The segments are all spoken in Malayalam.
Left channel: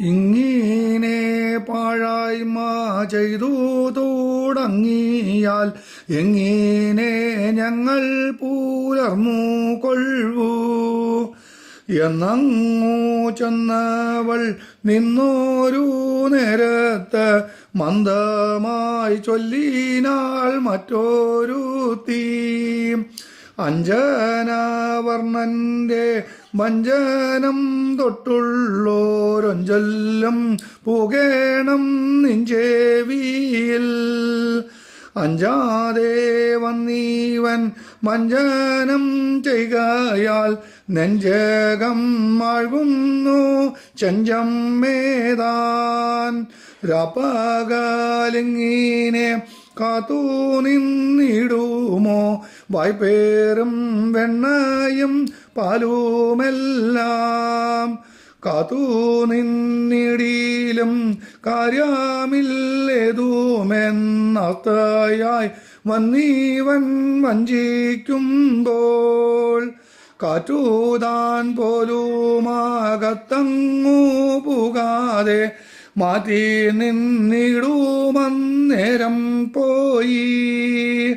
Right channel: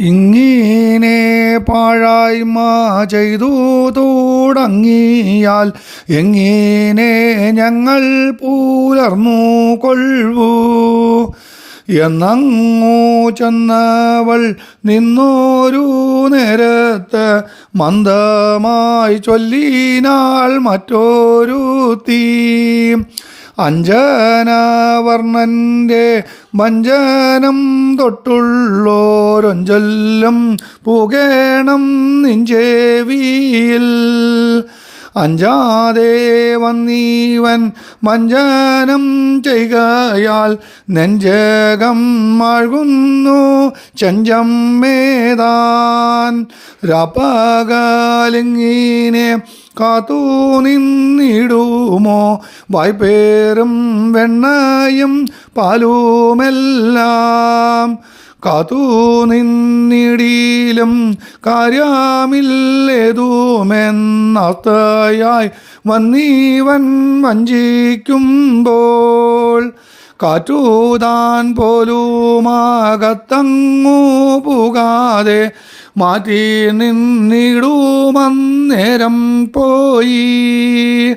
ഇങ്ങനെ പാഴായ്മ ചെയ്തു തുടങ്ങിയാൽ എങ്ങീനെ ഞങ്ങൾ പൂലർന്നു കൊള്ളൂ. എന്നങ്ങൂ ചെന്നവൾ നിന്നോരു നേരത്ത് മന്ദമായി ചൊല്ലിനാൾ മറ്റൊരു തീ അഞ്ജനവർണന്റെ വഞ്ചനം തൊട്ടുള്ളോരൊഞ്ചൊല്ലും പുകേണം നിഞ്ചേവിയിൽ. അഞ്ചാതെ വന്നീവൻ മഞ്ചാനം ചെയ്കയാൽ നെഞ്ചകം മഴുകുന്നു ചഞ്ചം മേതാൻ. രാപ്പകലിങ്ങിനെ കാത്തു നിന്നിടുമോ? വായ്പേറും വെണ്ണയും പാലുമെല്ലാം കാത്തു നിന്നിടിയിലും കാര്യമില്ലേതുമെന്നത്തയായി വന്നീവൻ വഞ്ചിക്കുമ്പോൾ കാറ്റൂതാൻ പോലുമാകത്തങ്ങൂ പുകാതെ മാറ്റി നിന്നിടുമന്നേരം പോയി.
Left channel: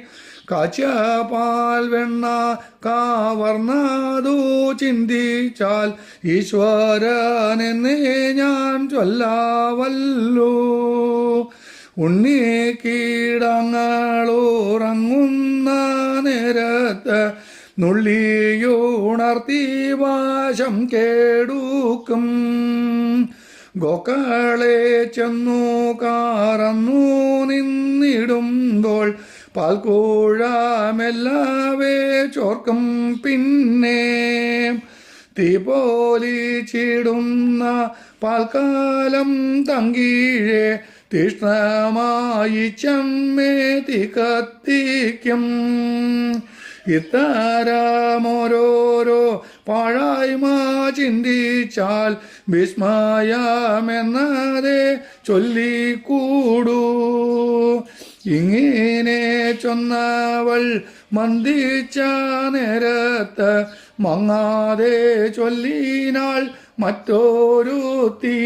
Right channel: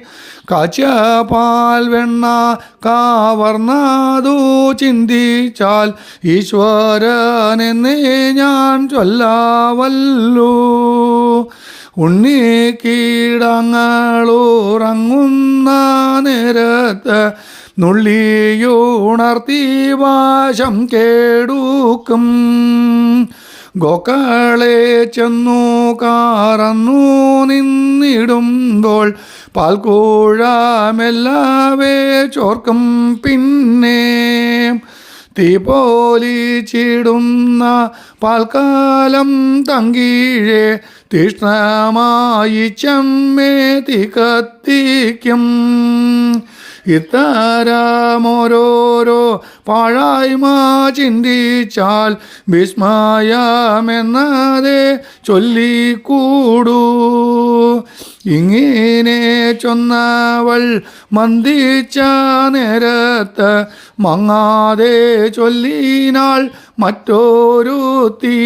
കാച്ചപാൽ വെണ്ണ കാവർന്നതു ചിന്തിച്ചാൽ ഈശ്വരനെന്നേ ഞാൻ ചൊല്ലാവല്ലോ. ഉണ്ണി കീടങ്ങളുറങ്ങുന്ന നേരത്ത് നുള്ളിയുണർത്തി വാശം കേടുക്കും. ഗോക്കളെ ചെന്നു കാറന്നു നിന്നിടുമ്പോൾ പാൽക്കൂഴമെല്ലാവേ ചോർക്കും പിന്നെ. തീ പോലിച്ചിടുന്ന പാൽക്കാലം തങ്കീഴെ തീഷ്ണമായി ചെമ്മേ തീ കത്തിക്കും. ഇത്തരമോരോരോ പാഴായ്മ ചിന്തിച്ചാൽ വിസ്മയമെന്നതേ ചൊല്ലിക്കൂടൂ. ഇങ്ങനെ ചൊന്നവൾ മന്ദിച്ച നേരത്ത് മങ്ങാതെ ചൊല്ലിനാൾ മറ്റൊരു തീ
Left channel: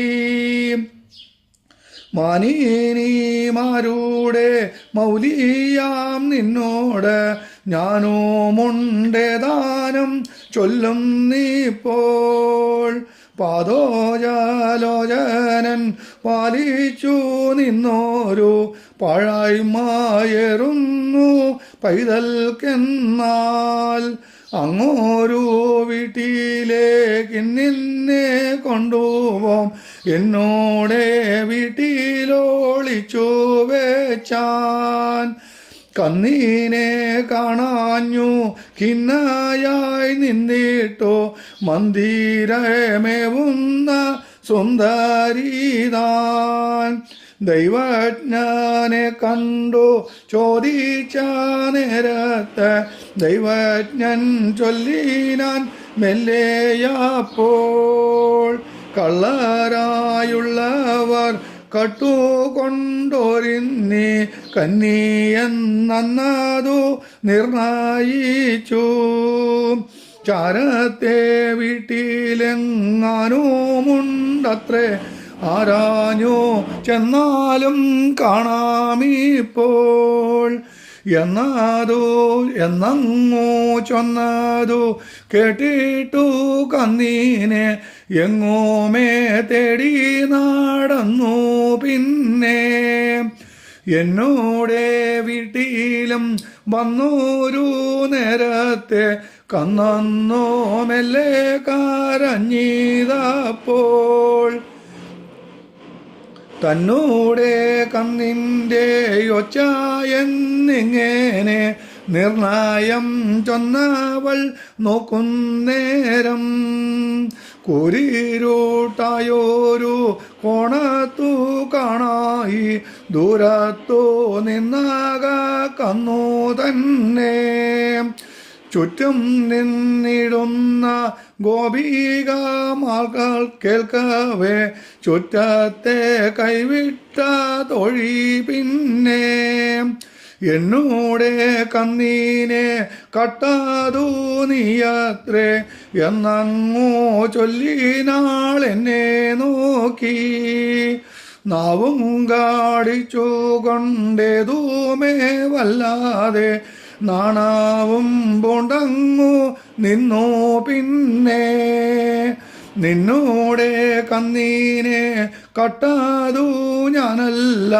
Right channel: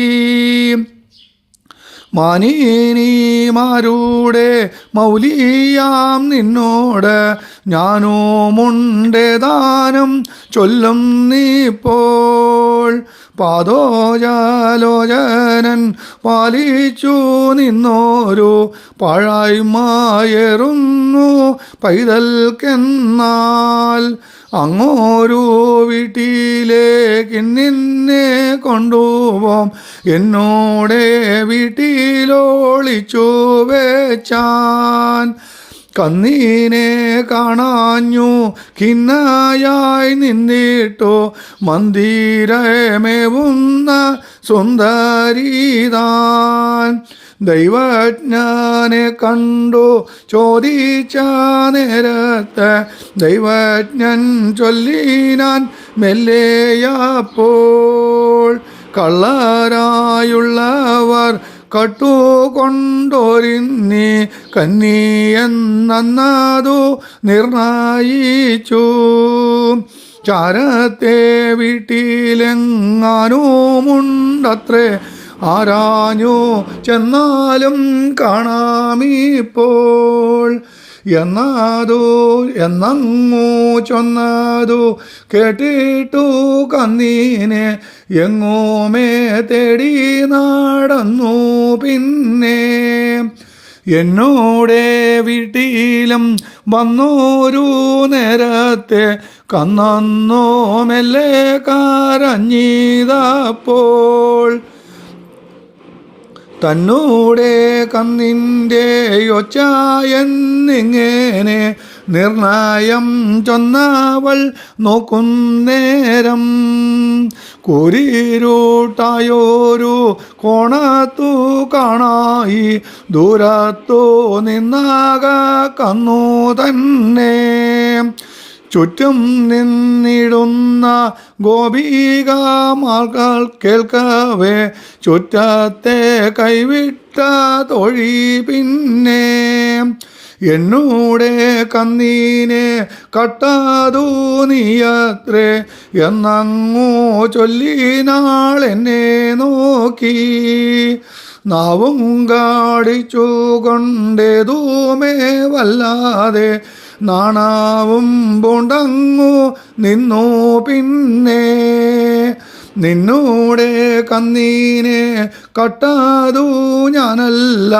മാനീനിമാരുടെ മൗലിയാം നിന്നോട് ഞാനുമുണ്ടേ ദാനം ചൊല്ലും നീപ്പോൾ പാദോജാലോചനൻ പാലിച്ചു നിന്നോരു പഴായ്മയറുന്നു പൈതൽക്കെന്നാൽ. അങ്ങോരു വീട്ടിലേക്ക് നിന്നെ കൊണ്ടുപോം. എന്നോടെ വീട്ടിലോളിച്ചു വെച്ചാൻ. കന്നീനെ കാണാഞ്ഞു ഖിന്നയായി നിന്നിട്ടോ മന്ദിരമേവുന്ന സുന്ദരീതാൻ. ദൈവജ്ഞാനെ കണ്ടു ചോദിച്ച നേരത്ത് ദൈവജ്ഞൻ ചൊല്ലിനാൻ മെല്ലെയപ്പോൾ കള്ളരായുള്ളവർ കട്ടുകൊണ്ടൊരിന്നി കന്നിയെന്നതു നിർണയിച്ചു. ചാരത്തെ വീട്ടിലെങ്ങാനുമുണ്ടത്രേ. ആരാഞ്ഞു ചെന്നാലും കാണാമിപ്പോൾ. എന്നാതോ എന്നങ്ങോ ചൊന്നാതോ കേട്ടിട്ടു കന്നീനെ. എങ്ങോമേ തേടി നടന്നു പിന്നെ. എന്നോടെ വീട്ടിലും വന്നോരു നേരത്തെ കന്നോ മെല്ലെ കരഞ്ഞിതപ്പോൾ. തന്നൂടെ കന്നിന്റെ ഒച്ച എന്നിങ്ങനെ നിർണയം ചൊന്നാവൾ നോക്കുന്നേരം കുരിരൂട്ടായോരു കോണത്തു കാണായി ദൂരത്തു നിന്നാക കന്നു തന്നെ. ചുറ്റും നിന്നിടുന്ന ഗോപികമാർകൾ കേൾക്കവേ ചുറ്റത്തെ കൈവിട്ട തൊഴി പിന്നെ. എന്നൂടെ കന്നീനെ കട്ടാതു നീയത്രേ. എന്നങ്ങോ ചൊല്ലിനാൾ എന്നെ നോക്കി. നാവും കാടിച്ചു കൊണ്ടേതൂമേ വല്ലാതെ. നാണാവും പൂണ്ടങ്ങു നിന്നു പിന്നെ. നിന്നൂടെ കന്നീനെ കട്ടാതു ഞാനല്ല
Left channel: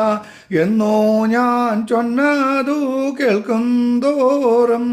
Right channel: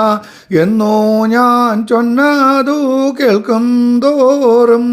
എന്നോ ഞാൻ ചൊന്നതു കേൾക്കും തോറും.